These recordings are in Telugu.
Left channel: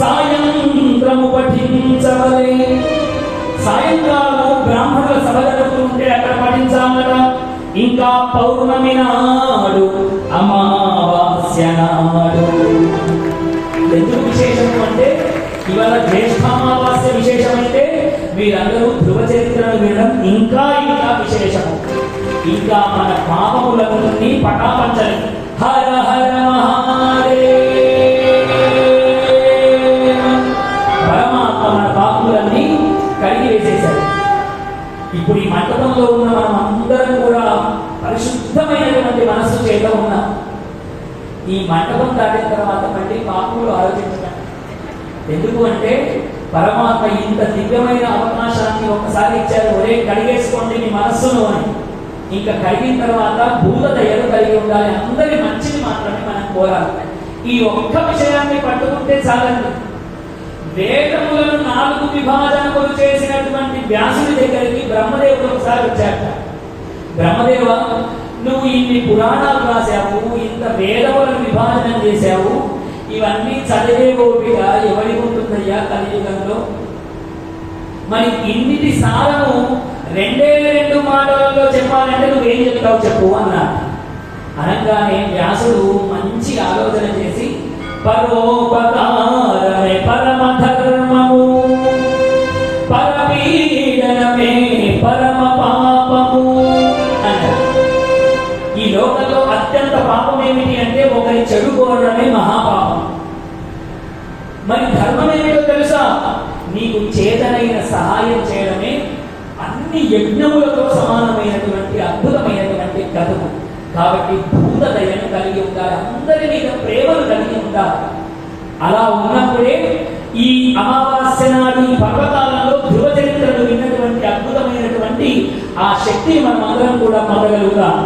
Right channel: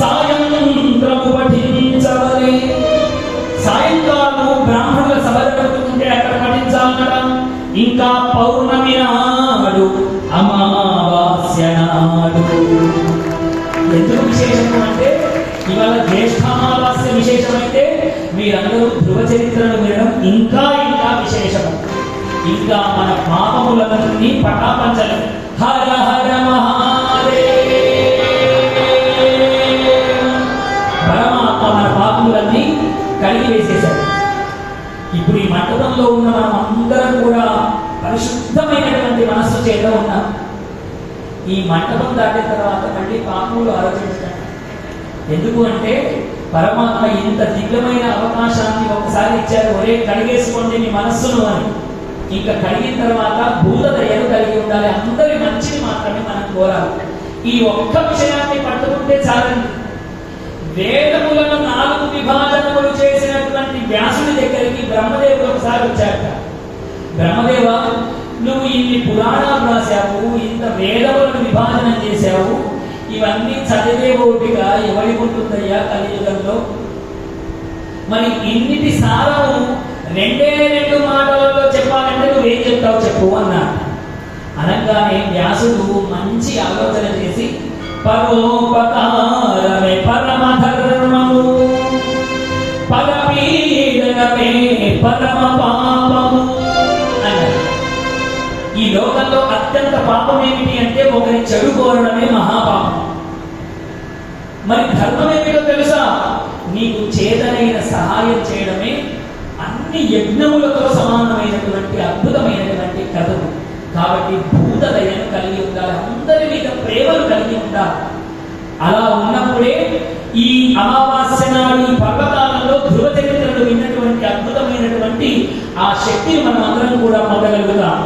సాయంత్రము పఠించవలే సాయంకాలము బ్రాహ్మణుల సభ జరుగుతుంటే అక్కడ పఠించాలట. ఇంకా పౌర్ణమి నాడు అమావాస్య నాడు. ఎందుకు విశేషము అంటే ఇవాళ జ్యేష్ఠామావాస్య విశేషమైతే మీరందరూ ధ్రువ చరిత్రను వినడం ఇంకా ఇంకా విశేషము. ఇంకా మన పాపములన్నీ పటాపంచలు. ఈ ఉన్న మనం అందరం కూడా పరిశుద్ధమైనటువంటి మనస్సు చేత ఉన్నాం. ఈ మంటపం దాటిన తర్వాత మళ్ళీ పాపములు ఆలోచించడం ఎందుకు అంటే పరమాత్మ ఇంత దివ్యమైన అవకాశాన్ని ఒకసారి ఇచ్చారు ఒరే కడిగేసుకోండి మీ మనస్సును అని. ఇంకా కడిగిన తర్వాత భూత దయలు కలిగి ఉండాలి. అందరి మంచిని మాత్రమే మనం కోరాలి. ఈ ఒక్క విషయాన్ని పట్టుకుంటే చాలండి. వేదములను నాలుగు విభాజన వ్యాసుడి దగ్గరికి బ్రహ్మదేవుడు ఒకసారి వచ్చాక బ్రహ్మదేవ నువ్వు ఇన్ని పురాణాలు రాశావు ఇంత వేదములను విభాజనం చేశావు ఇవన్నీ చదివే ఓపిక ఎవరికి ఉంటుందయ్యా కలియుగంలో? మరి ఇన్నిటి సారము రెండే రెండు మాటలలో చెప్పాలంటే నువ్వేం చెప్తావు చెప్పు అన్నాడు. అనగానే వ్యాసుడు మంచి ఆలోచన చేసి పరోపకారమే పాపం ఏమిటి అంటే ఒకరి చెడు కోరడమే మహాపాపం. మరి ధర్మం ఏమిటో తెలుసా? నీకు చేతనైన సహాయం చేయడమే అన్ని యజ్ఞములతో సమానమైనటువంటి అద్భుతమైనటువంటి కథము కాబట్టి భూత దయను కలిగి ఉండాలి అందరి మీద ప్రేమను కలిగి ఉండాలి. అలా ఉన్నప్పుడే ఈ అమావాస్య నాడు పర్వకాలంలో ధ్రువ చరిత్రలు విన్నటువంటి అద్భుతమైనటువంటి ఆ శక్తిని మనం అందరం కూడా పొందగలుగుతాం.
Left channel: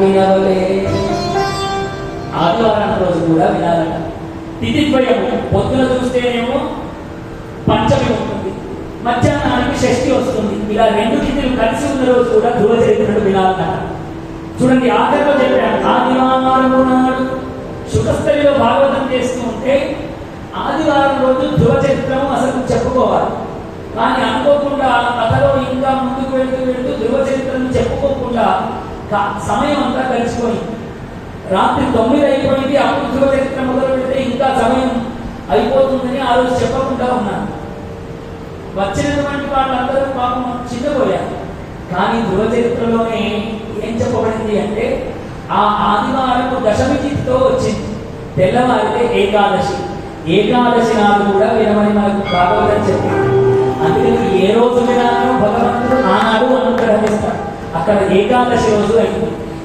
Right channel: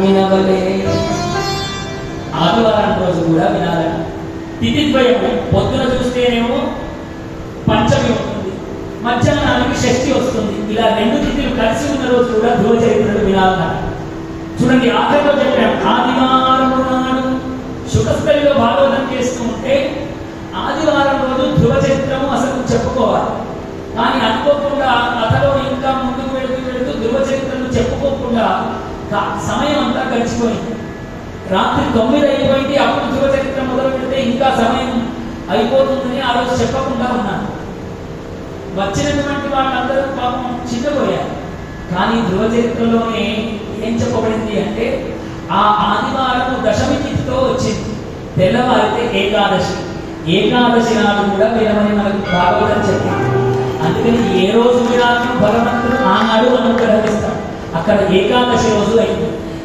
వినవలే ఆదివారం రోజు కూడా వినాలి తిథిద్వయం పొద్దున చూస్తేనేమో పంచమి ఉంటుంది. మధ్యాహ్నానికి షష్ఠి వస్తుంది. ఇలా రెండు తిథులు కలిసి ఉన్న రోజు కూడా ధ్రువ చరిత్రను వినాలన్నారు. చూడండి ఆఖరిలో చెప్పాం ఆదివారం నాడు శుభస్థలిలో భాగవతం చేస్తూ ఉంటే ఆదివారం రోజు ధ్రువ చరిత్రము అసలు చెప్పుకోవాలి. కానీ అనుకోకుండా కథలో ఇంకా ముందు సమయం అంతా గడిచిపోయింది. రాత్రి తొమ్మిది అయిపోయింది అప్పుడు ధ్రువ చరిత్ర మొదలు పెడితే ఇంకా సమయం అయిపోతుందని ఆ రోజు చెప్పకుండా ఉన్నారు. వచ్చినటువంటి వాళ్ళందరూ పాపం చిన్నపోయారు. కానీ ధ్రువ చరిత్రలోనే ఏం చెప్పబడింది అంటే ఆ ఆదివారం దశమి తిథితో వచ్చింది. తెల్లవారితే ఏకాదశి. ఏకాదశి నాడు కూడా వినమని మనకు భాగవతం చెప్పింది. అందుకని ఏ రోజు వినాలను భగవంతుడు ఆనాడు అనుగ్రహిస్తాడు అక్కడ ఏకాదశి రోజు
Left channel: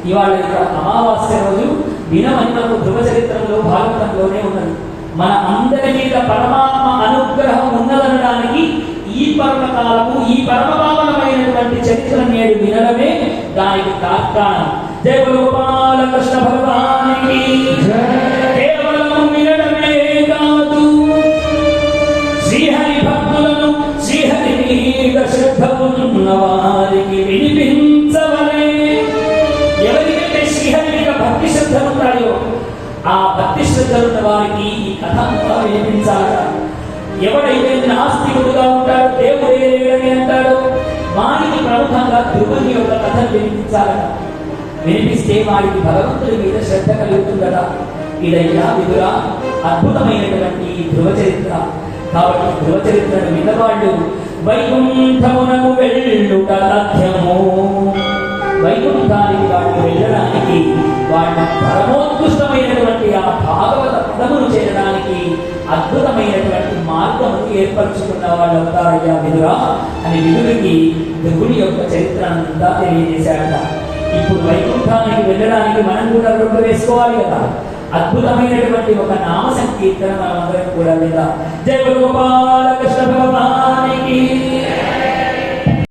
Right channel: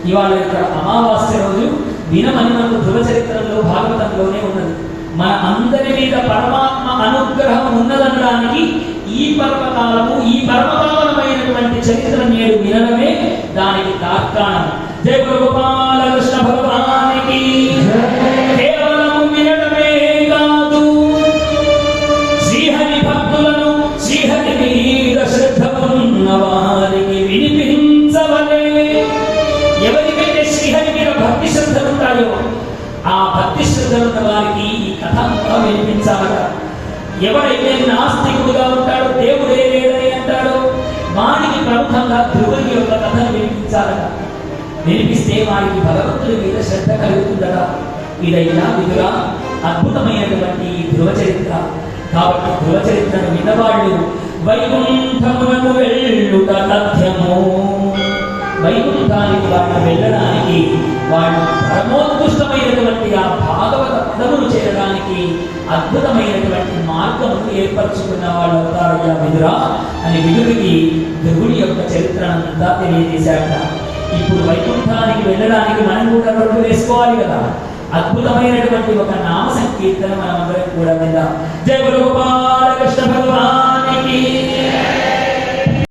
ఇవాళ ఇక్కడ అమావాస్య రోజు వినమని మనకు ధ్రువ చరిత్రలో భాగవతంలోనే ఉన్నది. మన అందరి మీద పరమాత్మ అనుగ్రహం ఉన్నదనడానికి ఈ పర్వకాలము ఈ పరమపావనమైనటువంటి చరిత్ర నేడు వినడమే దానికి తాత్కాణం. జయ భక్తి వారికి ఈ కథ అంతా వినిపించాలట. ఎవరైతే నాస్తికుడుగా ఉంటాడో దేవుడే లేడని అంటాడో వారికి ప్రముఖంగా ధ్రువుని యొక్క కథను వినిపించాలట. వినిపిస్తే వారికి భగవంతుడి మీద శ్రద్ధ కలుగుతుందట. ఇదైనా విధురా అద్భుతమైనటువంటి ధ్రువ చరిత్ర కాబట్టి ధ్రువ చరిత్రను విన్నవాళ్ళు వైకుంఠమునకు వెళ్ళుట తథ్యము వైకుంఠానికి వాళ్ళు వెళ్ళడానికి వాళ్ళు పరమోత్కృష్టమైనటువంటి ఆ భాగవత పదములు చేరడానికి అద్భుతమైనటువంటి మార్గమును ఏర్పరచుకున్న వాళ్ళు అవుతారయ్యా విదురా అని విదురికి ధ్రువుని యొక్క చరిత్ర అంతా తెలియజేశాట ఇప్పుడు వైకుంఠానికి వెళ్ళడానికి మనం కూడా రోడ్డు వేసుకోవాలి కదా. అద్భుతమైనటువంటి ఒక నామ సంకీర్తన మనమందరం కూడా విందాం. జయ గోపాల్!